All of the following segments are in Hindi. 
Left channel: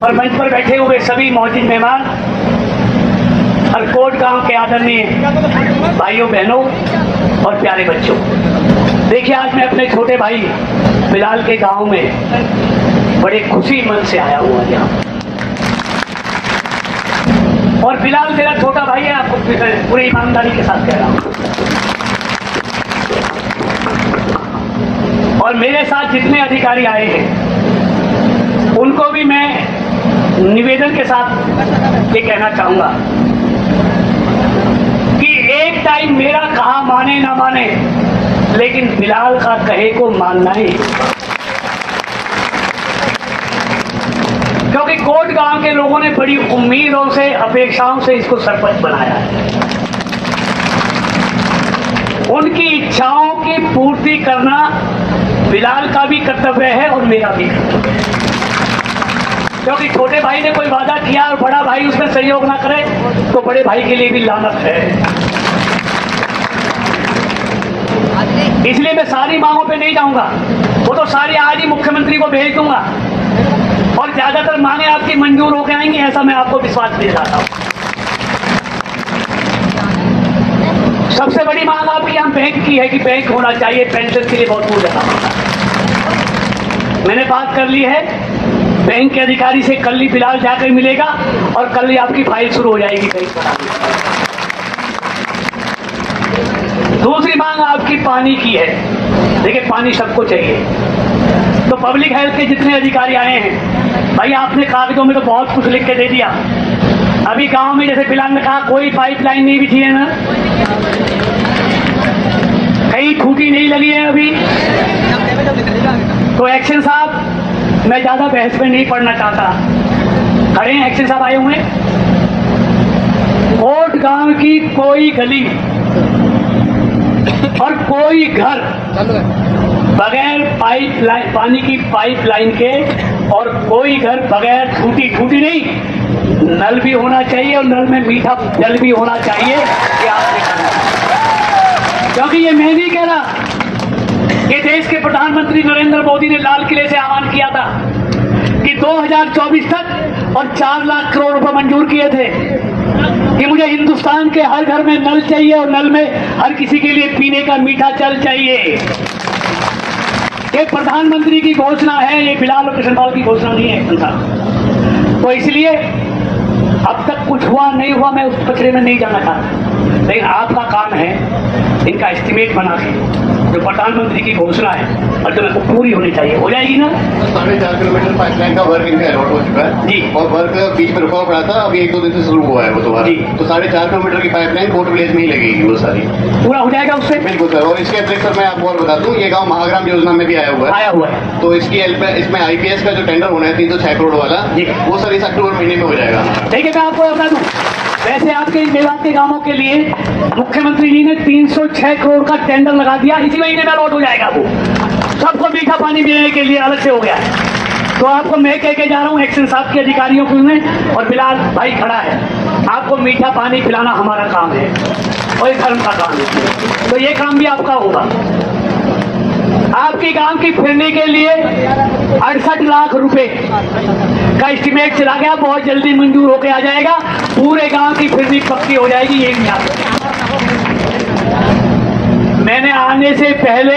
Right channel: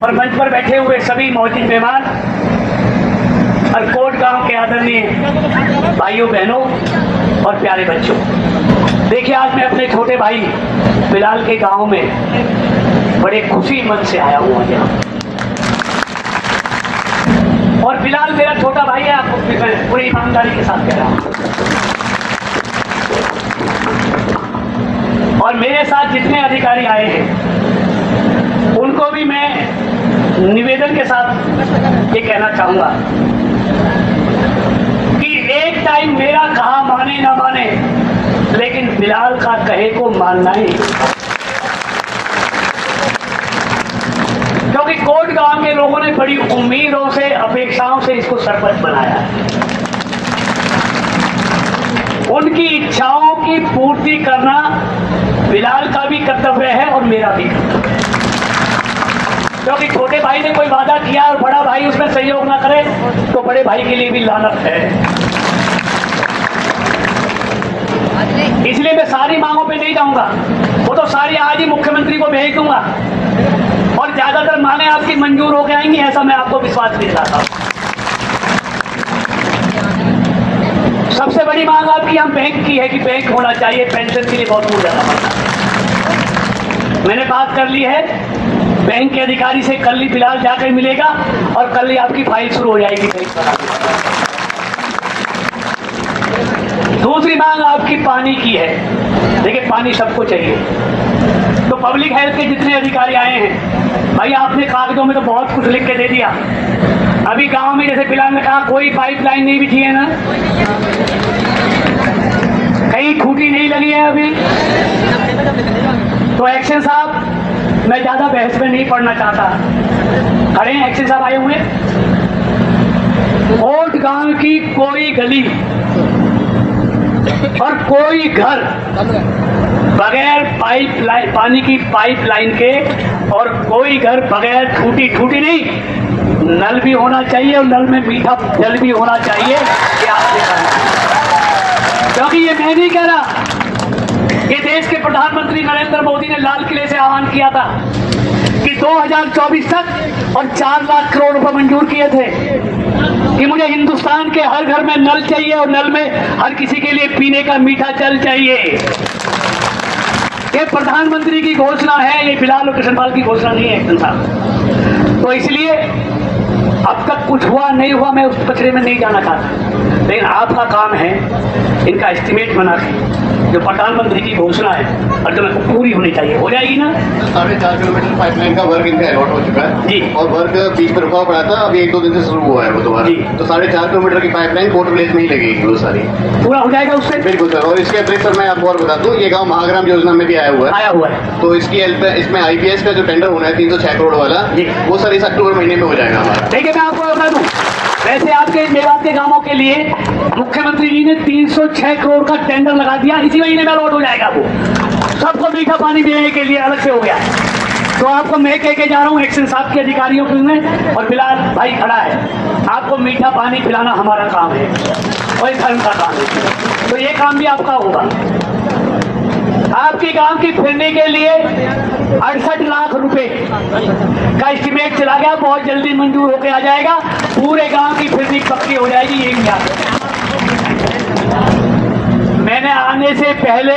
और मंच पर बैठे हुए सभी मौजूद मेहमान और कोट गांव के आदरणीय भाइयों बहनों और प्यारे बच्चों, देखिए आज मैं अपने छोटे भाई बिलाल के गांव में बड़े खुशी मन से आया हुआ यहाँ। और बिलाल मेरा छोटा भाई है, आपको पूरी ईमानदारी के साथ कह रहा हूँ। और मेरे साथ जितने अधिकारी आए हैं उनको भी मैं निवेदन के साथ ये कहना चाहूंगा कि एक टाइम मेरा कहा माने ना माने, लेकिन बिलाल का कहे को मानना ही, क्योंकि कोट गांव के लोगों ने बड़ी उम्मीदों से अपेक्षाओं से इसको सरपंच बनाया है। उनकी इच्छाओं की पूर्ति करना बिलाल का भी कर्तव्य है और मेरा भी कर्तव्य है, क्योंकि छोटे भाई ने कोई वादा किया और बड़ा भाई उसमें सहयोग ना करे तो बड़े भाई के लिए भी लानत है। इसलिए मैं सारी मांगों पे नहीं जाऊंगा, वो तो सारी आज ही मुख्यमंत्री को भेज दूंगा और ज्यादातर मांगे आपकी मंजूर होकर आएंगी, ऐसा मैं आपको विश्वास दिलाता हूं। सबसे बड़ी मांग आपकी हम बैंक की है कि बैंक होना चाहिए, पेंशन के लिए बहुत दूर जाना पड़ता है। मैंने बात कर ली है बैंक के अधिकारी से, कल ही बिलाल जाकर मिलेगा और कल ही आपकी फाइल शुरू हो जाएगी बैंक पर। दूसरी मांग आपकी पानी की है। देखिए पानी सबको चाहिए, तो पब्लिक हेल्थ के जितने अधिकारी आए हैं भाई, आपने कागजों में तो बहुत कुछ लिख के दे दिया। अभी गांव में जैसे बिलाल ने कहा कोई पाइपलाइन नहीं बिछी है ना, कहीं खूंटी नहीं लगी है अभी, तो एक्शन साहब मैं ज्यादा बहस में नहीं पढ़ना चाहता, खड़े हैं एक्शन साहब आए हुए। कोट गांव की कोई गली और कोई घर बगैर पाइपलाइन, पानी की पाइपलाइन के, और कोई घर बगैर खूंटी नहीं, नल भी होना चाहिए और नल में मीठा जल भी होना चाहिए। क्योंकि ये मैं नहीं कह रहा, ये देश के प्रधानमंत्री नरेंद्र मोदी ने लाल किले से आह्वान किया था कि 2024 तक और 4 लाख करोड़ रुपए मंजूर किए थे कि मुझे हिंदुस्तान के हर घर में नल चाहिए और नल में हर किसी के लिए पीने का मीठा जल चाहिए। ये प्रधानमंत्री की घोषणा है, ये बिलाल और कृष्णपाल की घोषणा नहीं है। तो इसलिए अब तक कुछ हुआ नहीं हुआ मैं उस कचरे में नहीं जाना चाहता, लेकिन आपका काम है इनका एस्टिमेट बना के, जो प्रधानमंत्री की घोषणा है और जो को पूरी होनी चाहिए हो जाएगी ना। 4.5 किलोमीटर पाइपलाइन का वर्क इनका अलॉट हो चुका है जी, और वर्क बीच में रुका पड़ा था, अभी 1-2 दिन से शुरू हुआ है वो दोबारा। तो 4.5 किलोमीटर की पाइपलाइन कोट विलेज में ही लगेगी, वो सारी पूरा हो जाएगा उससे। बिल्कुल सर। और इसके अतिरिक्त सर मैं आपको और बता दूं, ये गाँव महाग्राम योजना में भी आया हुआ है, तो इसकी इसमें IPS का जो टेंडर होना है 306 करोड़ वाला, वो सर इस अक्टूबर महीने में हो जाएगा। देखिए मैं आपको बता दूं, वैसे आपके मेवात के गांवों के लिए मुख्यमंत्री जी ने 306 करोड़ का टेंडर लगा दिया, इसी महीने में अलॉट हो जाएगा। वो सबको मीठा पानी पीने के लिए अलग से हो गया। तो आपको मैं कह के जा रहा हूँ एक्शन साहब के अधिकारियों के, और बिलाल भाई खड़ा है, आपको मीठा पानी पिलाना हमारा काम है और ये धर्म का काम है, तो ये काम भी आपका होगा। आपके गांव की फिरने के लिए 68 लाख रुपए का एस्टिमेट चला गया, बहुत जल्दी मंजूर होकर आ जाएगा, पूरे गांव की फिरनी पक्की हो जाएगी। यही याद है, मैंने आने से पहले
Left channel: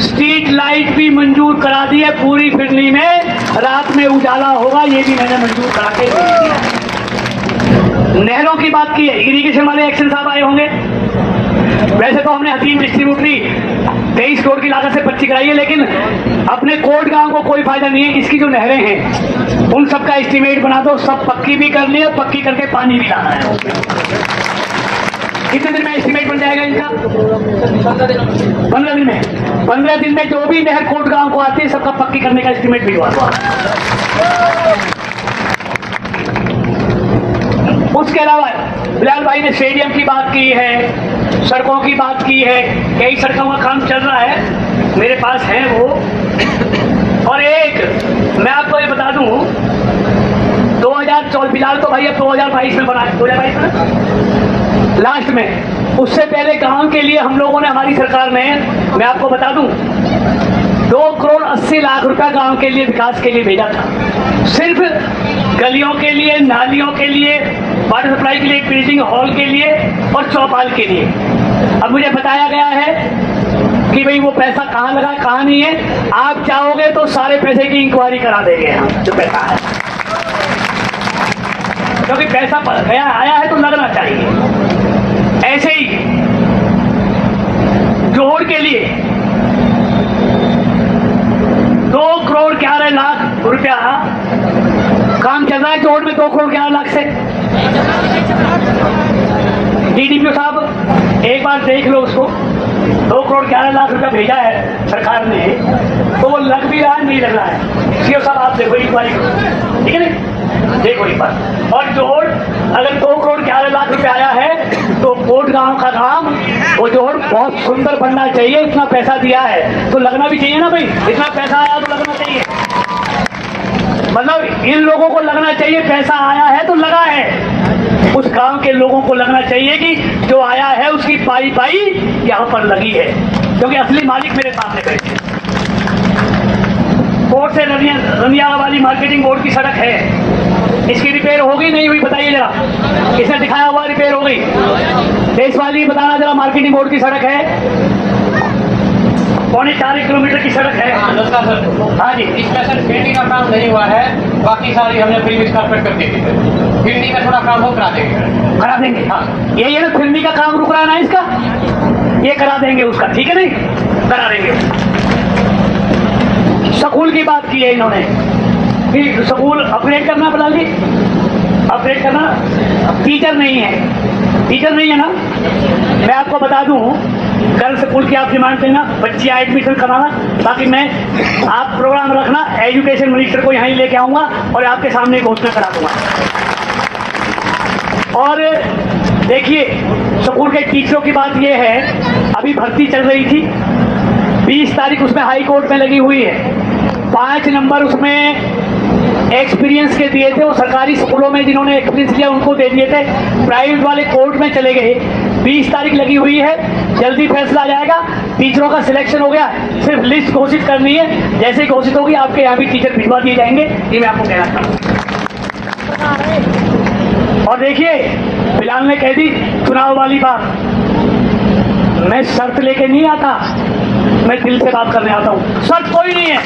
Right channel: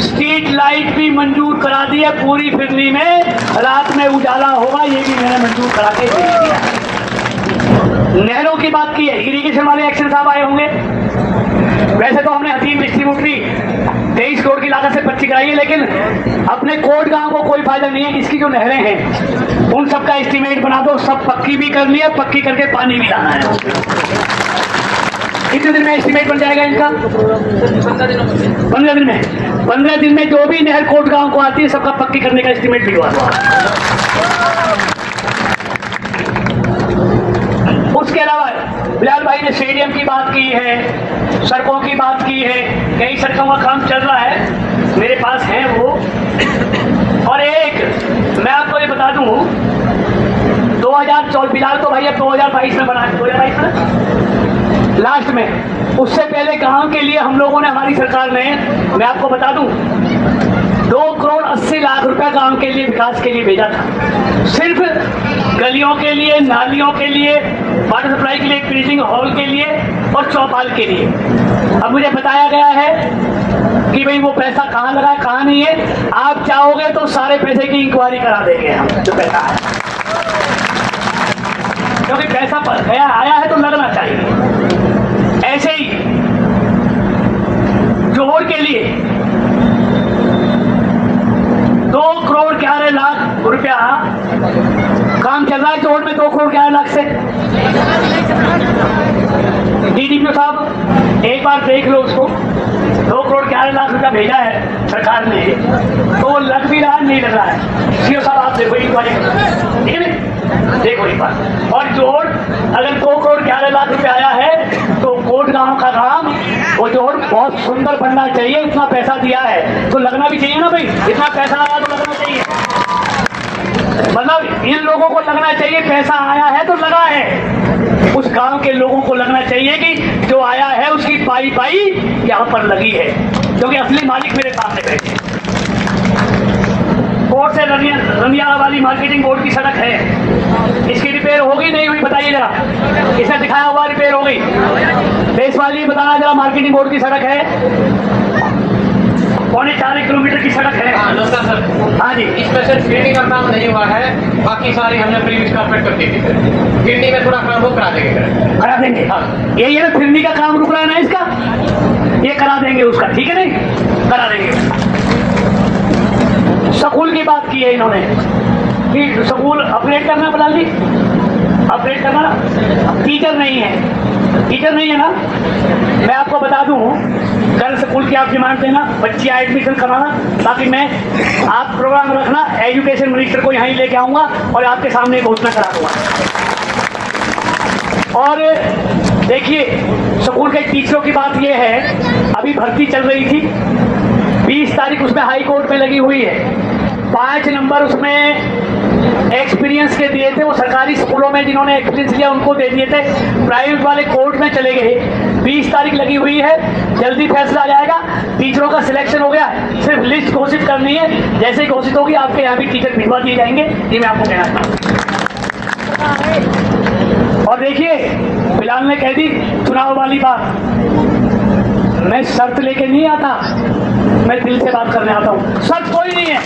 स्ट्रीट लाइट भी मंजूर करा दी है पूरी फिरनी में, रात में उजाला होगा, ये भी मैंने मंजूर करा के दे दिया। नहरों की बात की है, इरिगेशन वाले एक्शन साहब आए होंगे। वैसे तो हमने हतीम डिस्ट्रीब्यूटरी 23 करोड़ की लागत से पर्ची कराई है, लेकिन अपने कोट गांव को कोई फायदा नहीं है। इसकी जो नहरें हैं उन सबका एस्टिमेट बना दो, सब पक्की भी करनी है, पक्की करके पानी भी लाना है। कितने दिन में एस्टिमेट बन जाएगा इनका? 15 दिन में। 15 दिन में जो भी नहर कोट गांव को आती है सबका पक्की करने का एस्टिमेट भिजवा दो। उसके अलावा बिलाल भाई ने स्टेडियम की बात की है, सड़कों की बात की है, कई सड़कों का काम चल रहा है, मेरे पास है वो। और एक मैं आपको ये बता दूं, 2014 बिलाल तो भाई अब 2022 में बना, 2022 में लास्ट में, उससे पहले गांव के लिए हम लोगों ने, हमारी सरकार ने, मैं आपको बता दूं 2,80,00,000 रुपया गांव के लिए विकास के लिए भेजा था। सिर्फ गलियों के लिए, नालियों के लिए, वाटर सप्लाई के लिए, प्रिंटिंग हॉल के लिए और चौपाल के लिए। अब मुझे बताया गया है कि भाई वो पैसा कहाँ लगा है, कहाँ नहीं है। आप चाहोगे तो सारे पैसे की इंक्वायरी करा देंगे हम, जो पैसा आया, क्योंकि पैसा गया आया है तो लगना चाहिए। ऐसे ही जोहर के लिए 2,11,00,000 रुपया काम चल रहा है। जोहर में 2,11,00,000 से। डीडीपीओ साहब एक बार देख लो उसको, 2,11,00,000 रुपया भेजा है सरकार ने, तो वो लग भी रहा है नहीं लग रहा है। सीओ साहब आप देखो इंक्वायरी करो, ठीक है नहीं, देखो एक बार। और जोहर अगर 2,11,00,000 रुपया आया है तो कोट गांव का काम वो जोहर बहुत सुंदर बनना चाहिए। इतना पैसा दिया है तो लगना भी चाहिए ना भाई, इतना पैसा आया तो लगना चाहिए। मतलब इन लोगों को लगना चाहिए पैसा आया है तो लगा है। उस गांव के लोगों को लगना चाहिए कि जो आया है उसकी पाई पाई यहाँ पर लगी है, क्योंकि असली मालिक मेरे सामने बैठे। कोर्ट से रनियाला वाली मार्केटिंग बोर्ड की सड़क है, इसकी रिपेयर होगी नहीं हुई बताइए जरा। इसने दिखाया हुआ रिपेयर हो गई। देश वाली बताना जरा, मार्केटिंग बोर्ड की सड़क है, 3.25 किलोमीटर की सड़क है। नमस्कार सर। हाँ जी, इसमें सर फिरनी का काम नहीं हुआ है, बाकी सारी हमने प्रीवियस कारपेट कर दी थी। फिरनी में थोड़ा काम हो करा देंगे। करा देंगे, हाँ। यही है ना, फिरनी का काम रुक रहा है ना इसका, ये करा देंगे उसका, ठीक है नहीं, करा देंगे। स्कूल की बात की है इन्होंने कि स्कूल अपग्रेड करना, बिलाल जी अपग्रेड करना। टीचर नहीं है, टीचर नहीं है ना। मैं आपको बता दूं, गर्ल स्कूल की आप डिमांड देना, बच्चियां एडमिशन कराना, ताकि मैं आप प्रोग्राम रखना, एजुकेशन मिनिस्टर को यहाँ लेके आऊंगा और आपके सामने घोषणा करा दूंगा। और देखिए स्कूल के टीचरों की बात यह है, अभी भर्ती चल रही थी, 20 तारीख उसमें हाई कोर्ट में लगी हुई है। 5 नंबर उसमें एक्सपीरियंस के दिए थे, वो सरकारी स्कूलों में जिन्होंने एक्सपीरियंस दिया उनको दे दिए थे, प्राइवेट वाले कोर्ट में चले गए। 20 तारीख लगी हुई है, जल्दी फैसला आ जाएगा। टीचरों का सिलेक्शन हो गया, सिर्फ लिस्ट घोषित करनी है, जैसे ही घोषित होगी आपके यहाँ भी टीचर भिजवा दिए जाएंगे। ये मैं आपको कहना चाहता हूँ। और देखिए बिलाल ने कह दी चुनाव वाली बात, मैं शर्त लेके नहीं आता, मैं दिल से बात करने आता हूँ। शर्त कोई नहीं है,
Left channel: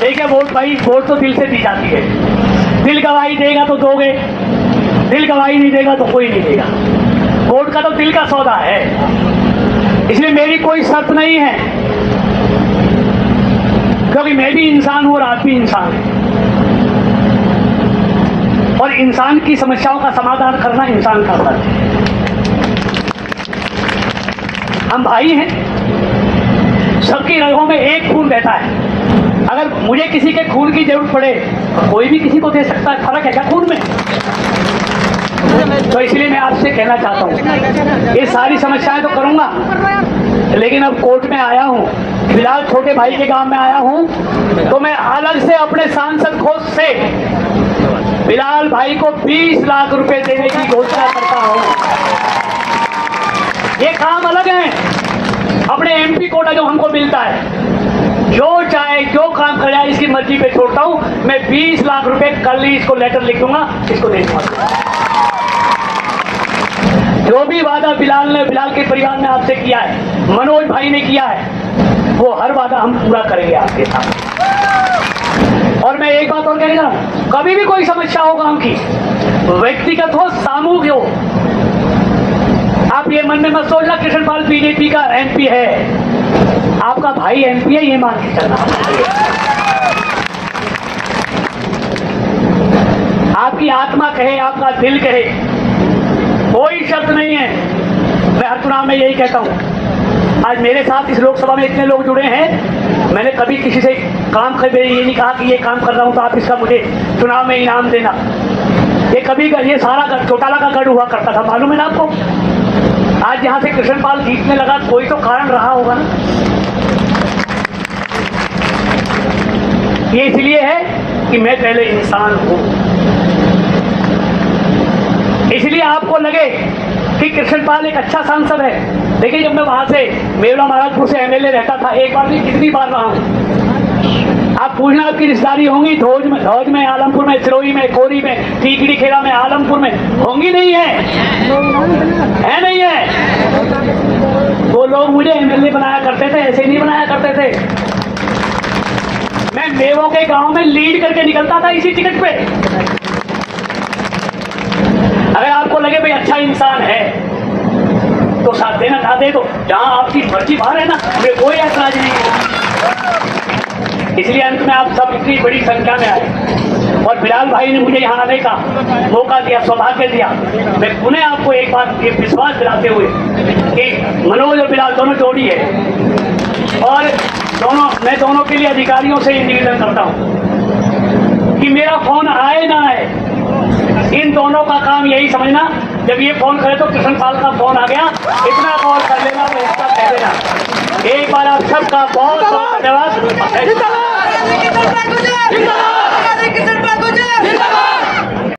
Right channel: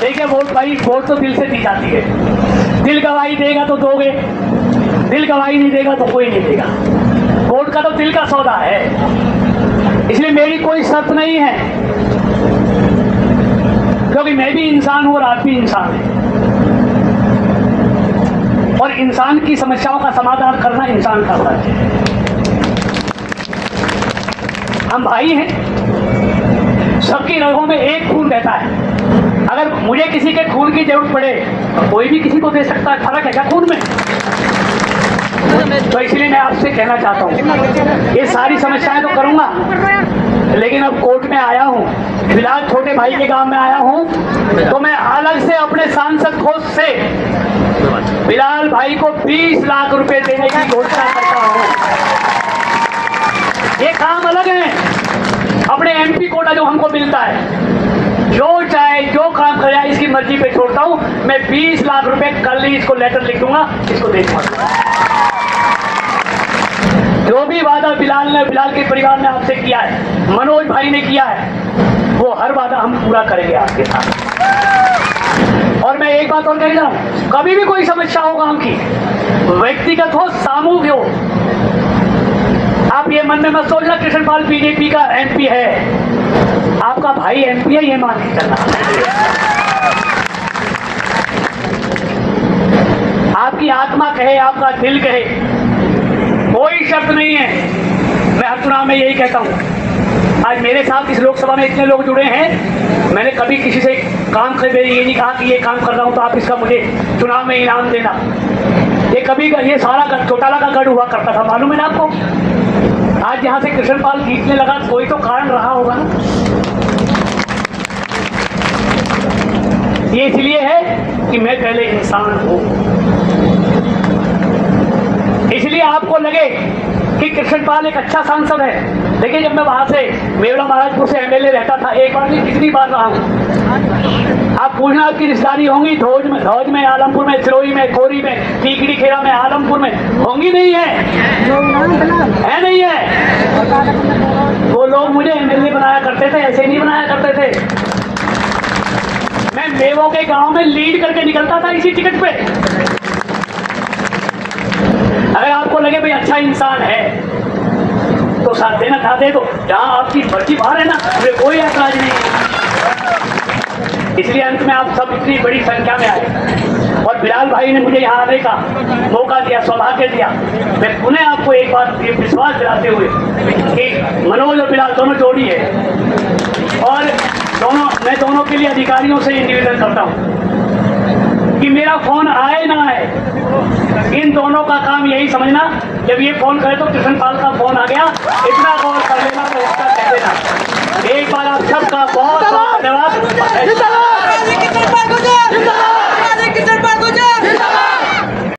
ठीक है। वोट भाई, वोट तो दिल से दी जाती है। दिल गवाही देगा तो दोगे, दिल गवाही नहीं देगा तो कोई नहीं देगा। वोट का तो दिल का सौदा है, इसलिए मेरी कोई शर्त नहीं है, क्योंकि मैं भी इंसान हूं और आप भी इंसान है, और इंसान की समस्याओं का समाधान करना इंसान का फर्ज है। हम भाई हैं, सबकी रगों में एक खून बहता है। अगर मुझे किसी के खून की जरूरत पड़े तो कोई भी किसी को दे सकता है, फर्क है क्या खून में? तो इसलिए मैं आपसे कहना चाहता हूँ, ये सारी समस्याएं तो करूंगा, लेकिन अब कोर्ट में आया हूँ, फिलहाल छोटे भाई के गांव में आया हूँ, तो मैं अलग से अपने सांसद कोष से बिलाल भाई को 20 लाख रुपए देने की घोषणा करता हूँ। ये काम अलग है, अपने एमपी कोटा जो हमको मिलता है, जो चाहे जो काम कर जाए इसकी मर्जी पे छोड़ता हूं। मैं 20 लाख रुपए कल ही इसको लेटर लिख दूंगा, इसको दे दूंगा। जो भी वादा बिलाल के परिवार ने आपसे किया है, मनोज भाई ने किया है, वो हर वादा हम पूरा करेंगे आपके साथ। और मैं एक बात और कहना चाहूं, कभी भी कोई समस्या हो गांव की, व्यक्तिगत हो सामूहिक हो, आप ये मन में मत सोचना कृष्णपाल बीजेपी का एमपी है, आपका भाई एमपी है, ये मान के चलना। आपकी आत्मा कहे, आपका दिल कहे, कोई शर्त नहीं है। मैं हर चुनाव में यही कहता हूं। आज मेरे साथ इस लोकसभा में इतने लोग जुड़े हैं, मैंने कभी किसी से काम कर ये नहीं कहा कि ये काम कर रहा हूं तो आप इसका मुझे चुनाव में इनाम देना। ये कभी ये सारा चौटाला का गढ़ हुआ करता था, मालूम है ना आपको। आज यहां से कृष्णपाल जीतने लगा, कोई तो कारण रहा होगा ना। ये इसलिए है कि मैं पहले इंसान हूं, इसलिए आपको लगे कि कृष्णपाल एक अच्छा सांसद है, देखिए, जब मैं वहां से मेवड़ा महाराजपुर से एमएलए रहता था, एक बार नहीं कितनी बार रहा हूँ। आप पूछना आपकी रिश्तेदारी होंगी धौज में, आलमपुर में, सिरोही में, कोरी में, टीकरी खेड़ा में, आलमपुर में होंगी, नहीं है नहीं है। वो लोग मुझे एमएलए बनाया करते थे, ऐसे नहीं बनाया करते थे। मैं मेवों के गांव में लीड करके निकलता था इसी टिकट पे। अगर आपको लगे भाई अच्छा इंसान है तो साथ देना ना दे दो, जहां आपकी मर्जी बाहर है ना, हमें कोई ऐतराज नहीं है। इसलिए अंत में आप सब इतनी बड़ी संख्या में आए और बिलाल भाई ने मुझे यहाँ आने का मौका दिया, सौभाग्य दिया। मैं पुनः आपको एक बात ये विश्वास दिलाते हुए कि मनोज और बिलाल दोनों जोड़ी है और मैं दोनों के लिए अधिकारियों से निवेदन करता हूँ कि मेरा फोन आए ना आए, इन दोनों का काम यही समझना, जब ये फोन करे तो कृष्ण पाल का फोन आ गया, इतना गौर कर लेना तो इसका कह देना। एक बार आप सबका बहुत बहुत धन्यवाद।